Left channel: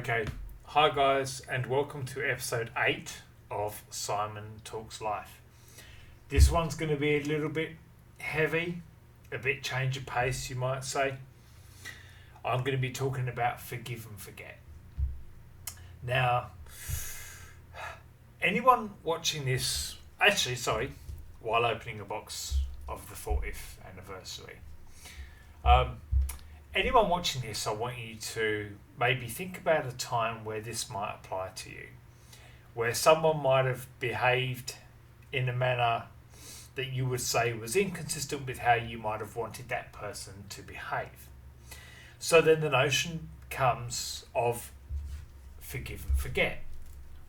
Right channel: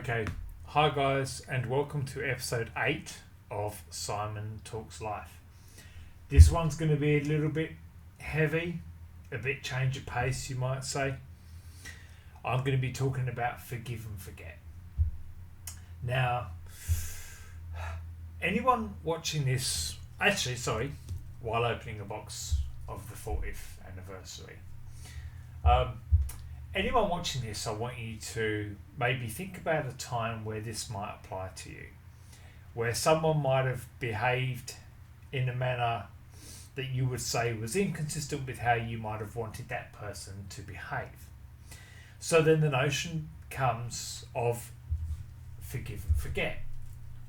Okay, hi guys, and welcome to episode 8 of Simon Talks Life. This one's going to be a little bit heavy, a bit change of pace, you might say. I'm going to be talking about forgive and forget. Now, anyone watching this, while opening a box of the 40th anniversary, anyone watching this, I want you to maybe think about a time where this might apply to you, where someone might have behaved in a manner that you would say was inconsistent with how you might have wanted that person to behave. So then the notion comes of forgive and forget,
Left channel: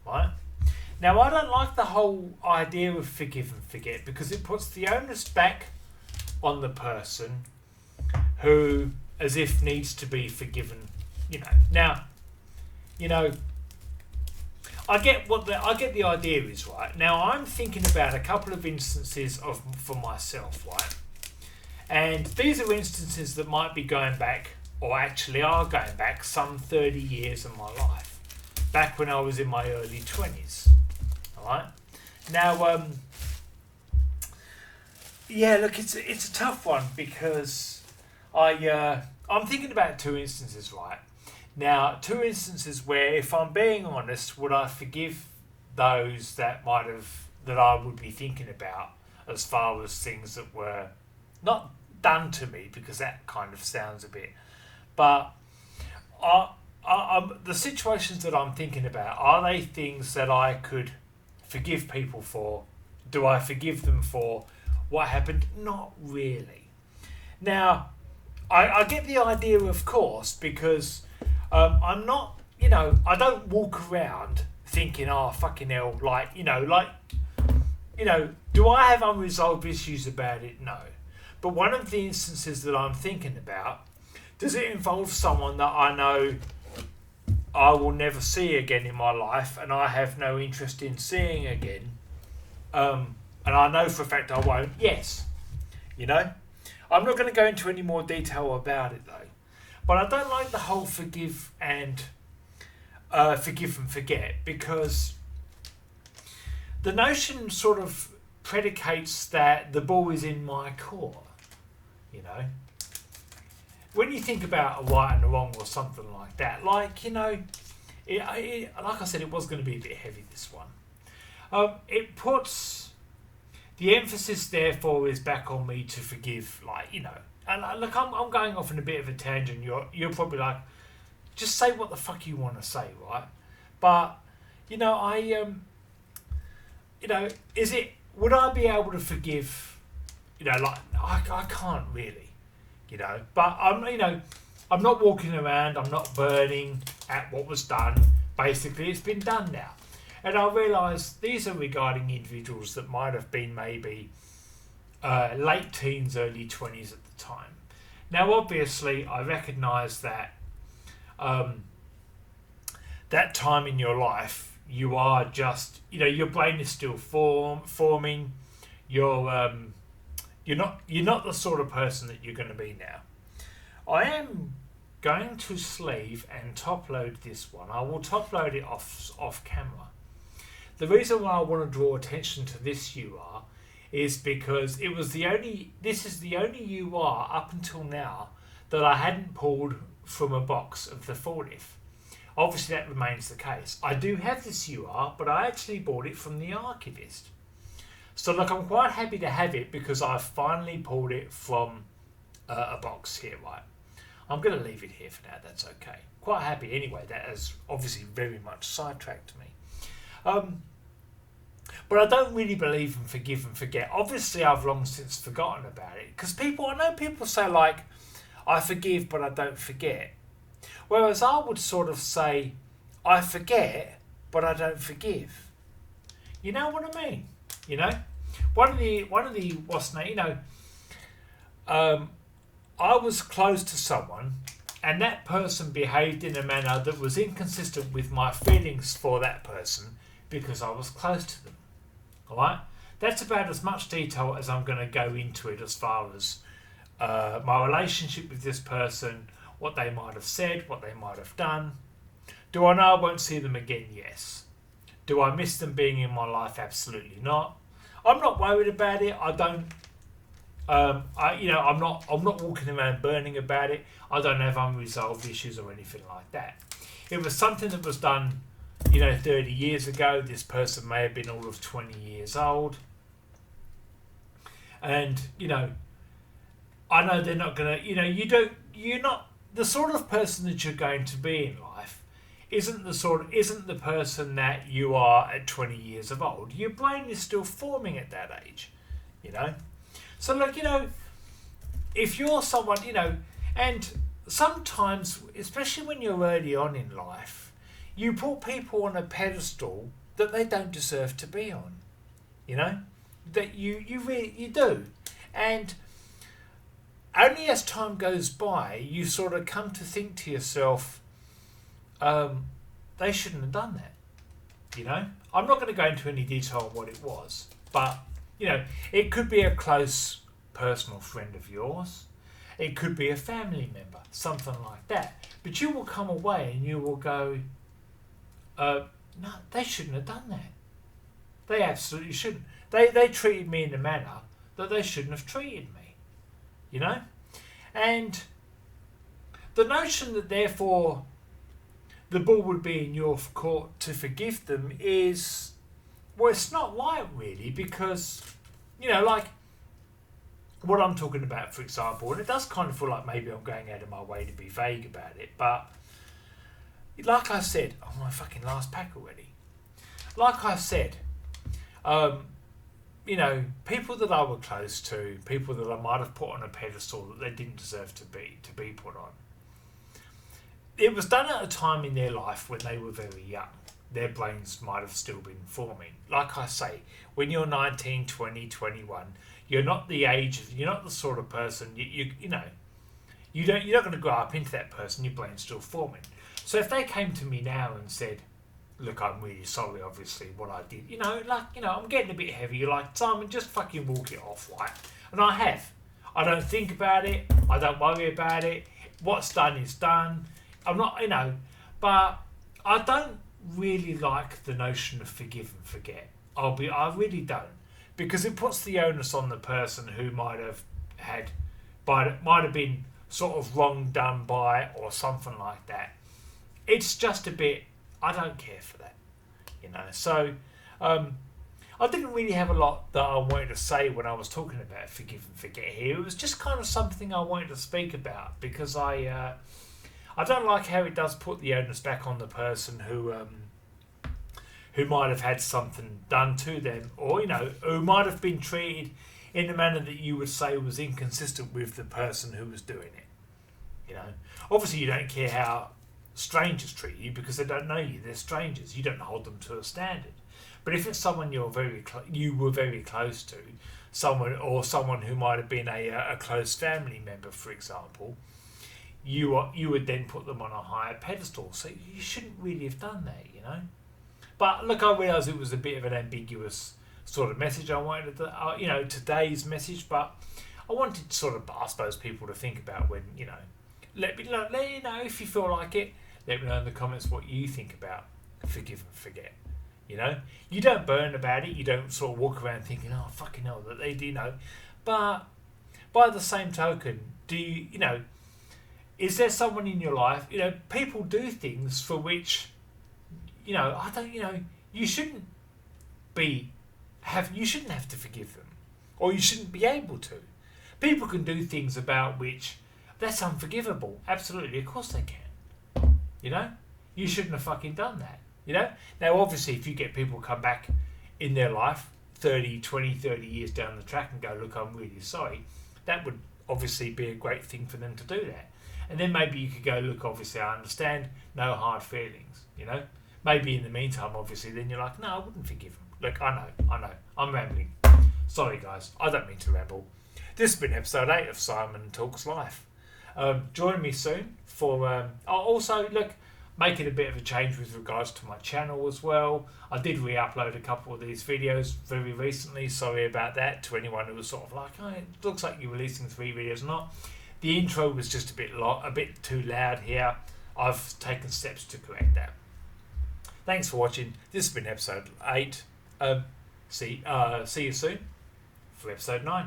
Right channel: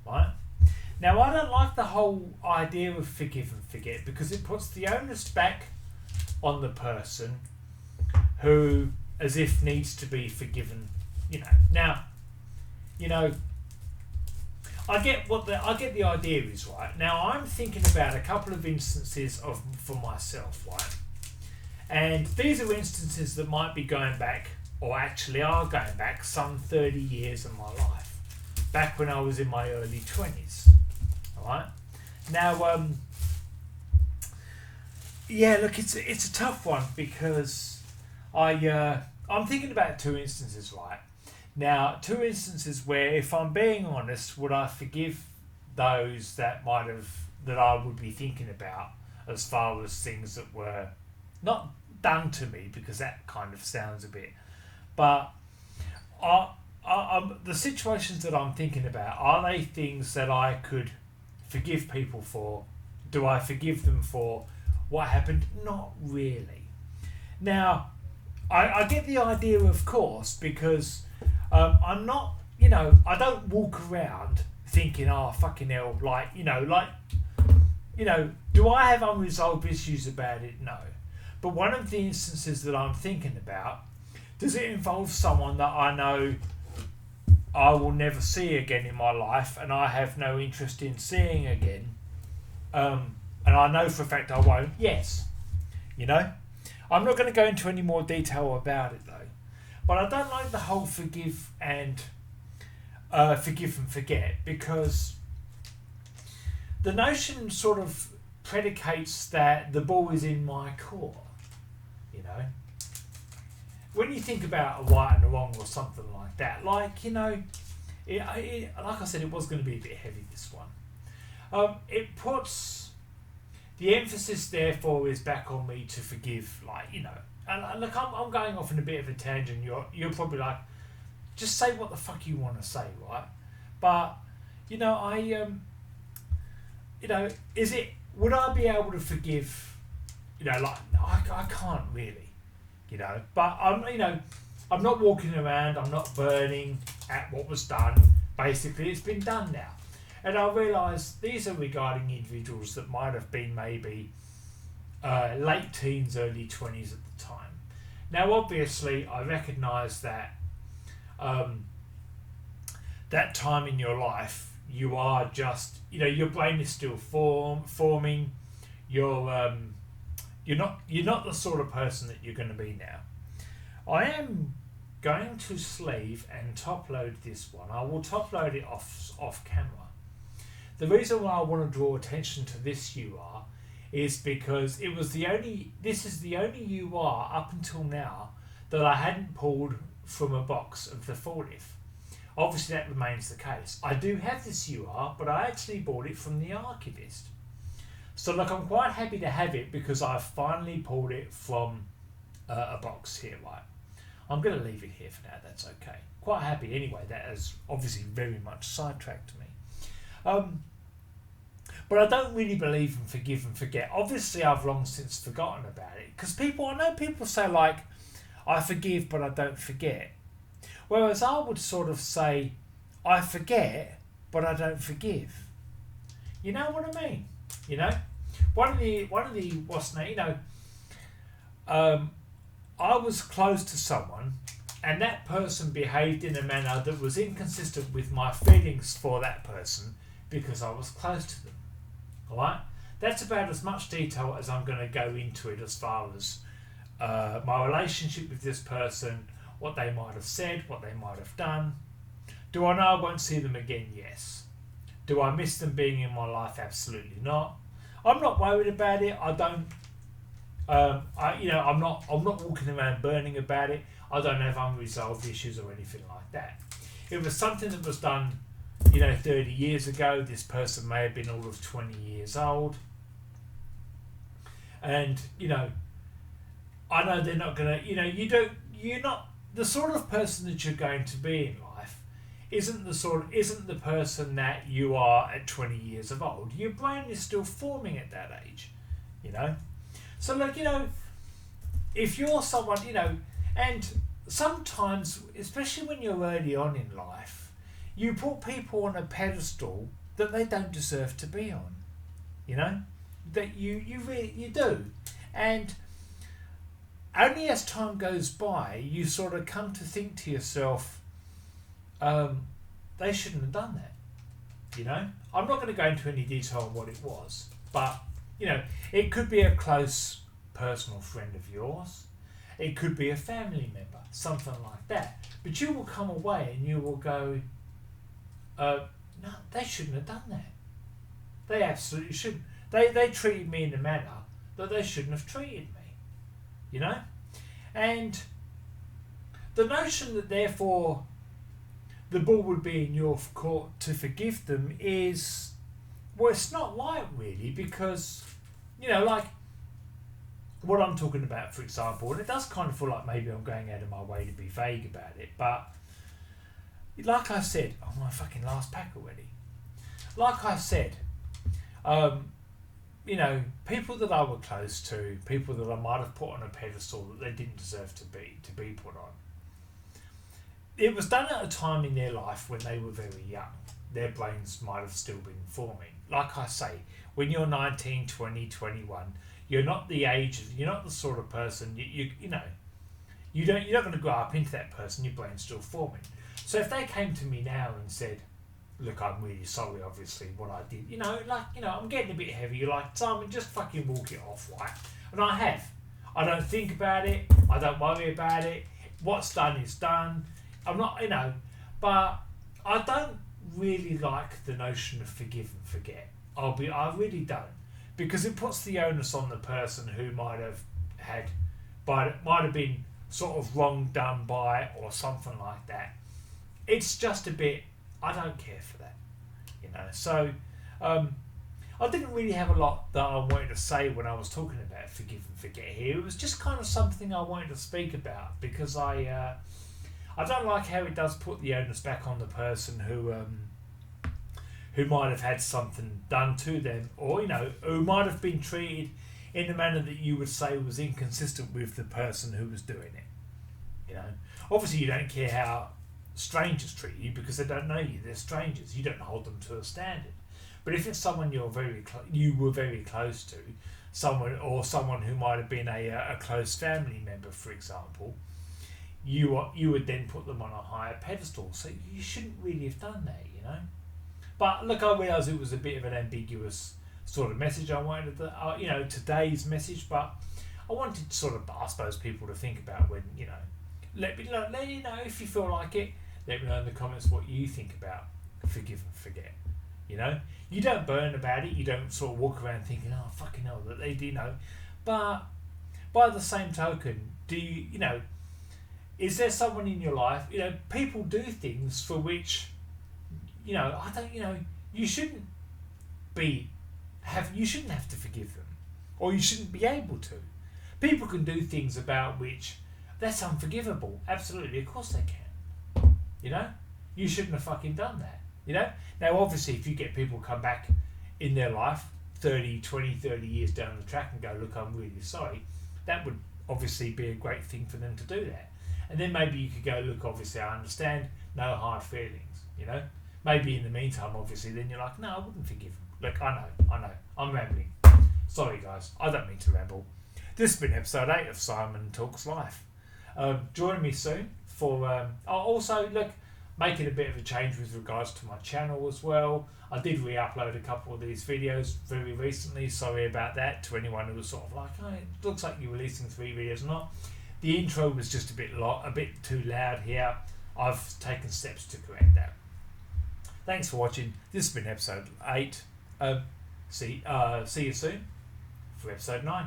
right? Now, I don't like the whole idea of forgive and forget because it puts the onus back on the person who as if needs to be forgiven, Now, I get the idea is, right? Now I'm thinking about a couple of instances for myself, right? And these are instances that might be going back, or actually are going back, some 30 years of my life, back when I was in my early 20s. All right. Now, look, it's a tough one because I'm thinking about two instances, right? Now, two instances where, if I'm being honest, would I forgive those that I would be thinking about as far as things that were not done to me, because that kind of sounds a bit, but the situations that I'm thinking about, are they things that I could forgive people for? Do I forgive them for what happened? Not really. Now, I get the idea, of course, because I'm not, I don't walk around thinking, oh, fucking hell, do I have unresolved issues about it? No. But one of the instances that I'm thinking about, does it involve someone that I know I will never see again in my life and I have no interest in seeing again? And I know for a fact I won't. Yes. I'm not going to go into any more detail about it though. But I don't like the whole forgive and forget, because the notion sort of predicates that the ball is in my court. When you think about a right and a wrong or something like that, like I said, it was going to be a bit heavy, this one. It puts the emphasis, therefore, is back on me to forgive, And look, I'm going off in a bit of a tangent. You're probably like, just say what the fuck you want to say, right? But would I be able to forgive? I can't really, But I'm not walking around. I'm not burning at what was done. Basically, it's been done now. And I realise these are regarding individuals that might have been maybe late teens, early 20s at the time. Now, obviously, I recognise that that time in your life, you are just, your brain is still forming. You're not the sort of person that you're going to be now. I am going to sleeve and top load this one. I will top load it off camera. The reason why I want to draw attention to this UR is because this is the only UR up until now that I hadn't pulled from a box of the 40th. Obviously that remains the case. I do have this UR, but I actually bought it from the archivist. So look, I'm quite happy to have it because I've finally pulled it from a box here, right? I'm going to leave it here for now, that's okay. Quite happy anyway, that has obviously very much sidetracked me. But I don't really believe in forgive and forget. Obviously, I've long since forgotten about it. Because I know people say, I forgive, but I don't forget. Whereas I would sort of say, I forget, but I don't forgive. You know what I mean? One of the what's name? I was close to someone, and that person behaved in a manner that was inconsistent with my feelings for that person because I was close to them. Alright? That's about as much detail as I'm going to go into it as far as my relationship with this person, what they might have said, what they might have done. Do I know I won't see them again? Yes. Do I miss them being in my life? Absolutely not. I'm not worried about it. I don't. I'm not walking around burning about it. I don't have unresolved issues or anything like that. It was something that was done, 30 years ago. This person may have been all of 20 years old, and I know they're not gonna. You're not the sort of person that you're going to be in life. Isn't the person that you are at 20 years of old. Your brain is still forming at that age, So look, if you're someone, and sometimes, especially when you're early on in life, you put people on a pedestal that they don't deserve to be on, that you really do, and only as time goes by, you sort of come to think to yourself, they shouldn't have done that, I'm not going to go into any detail on what it was, but it could be a close personal friend of yours. It could be a family member, something like that. But you will come away and you will go, no, they shouldn't have done that. They absolutely shouldn't. They treated me in a manner that they shouldn't have treated me. And the notion that therefore the ball would be in your court to forgive them is, well, it's not right really, because like what I'm talking about, for example, and it does kind of feel like maybe I'm going out of my way to be vague about it, but like I said, oh, my fucking last pack already. Like I said, people that I were close to, people that I might have put on a pedestal that they didn't deserve to be put on. It was done at a time in their life when they were very young. Their brains might have still been forming. Like I say, when you're 19, 20, 21, you're not the sort of person, you're not going to grow up into that person, your brain's still forming. So if they came to me now and said, look, I'm really sorry, obviously, what I did, I'm getting a bit heavy, you're like, Simon, just fucking walk it off, right? And I have. I don't think about it, I don't worry about it, what's done is done. I'm not, but I don't really like the notion of forgive and forget. I really don't, because it puts the onus on the person who might have been sort of wrong done by or something like that. It's just a bit, I don't care for that, So I didn't really have a lot that I wanted to say when I was talking about forgive and forget here. It was just kind of something I wanted to speak about, because I don't like how it does put the onus back on the person who might have had something done to them, or who might have been treated in a manner that you would say was inconsistent with the person who was doing it. Obviously you don't care how strangers treat you because they don't know you. They're strangers. You don't hold them to a standard. But if it's someone you were very close to, someone who might have been a close family member, for example, you would then put them on a higher pedestal. So you shouldn't really have done that, But look, I realise it was a bit of an ambiguous sort of message I wanted to, today's message, but I wanted sort of, I suppose, people to think about when, let me know if you feel like it. Let me know in the comments what you think about forgive and forget. You don't burn about it. You don't sort of walk around thinking, oh, fucking hell, that they do, But by the same token, do you, is there someone in your life, people do things for which, you shouldn't you shouldn't have to forgive them, or you shouldn't be able to. People can do things about which that's unforgivable. Absolutely, of course they can. You shouldn't have fucking done that. Now obviously if you get people come back in their life 30 years down the track and go, look, I'm really sorry, that would obviously be a great thing for them to do that. And then maybe you could go, look, obviously I understand, no hard feelings, Maybe in the meantime, obviously, then you're like, no, I wouldn't forgive him. Look, I know, I'm rambling. Sorry, guys, I don't mean to ramble. This has been episode 8 of Simon Talks Life. Join me soon for, also, look, making a bit of a change with regards to my channel as well. I did re-upload a couple of these videos very recently. Sorry about that to anyone who was sort of like, oh, it looks like you're releasing 3 videos or not. The intro was just a bit too loud here. I've taken steps to correct that. Thanks for watching. This has been episode 8. See you soon for episode 9.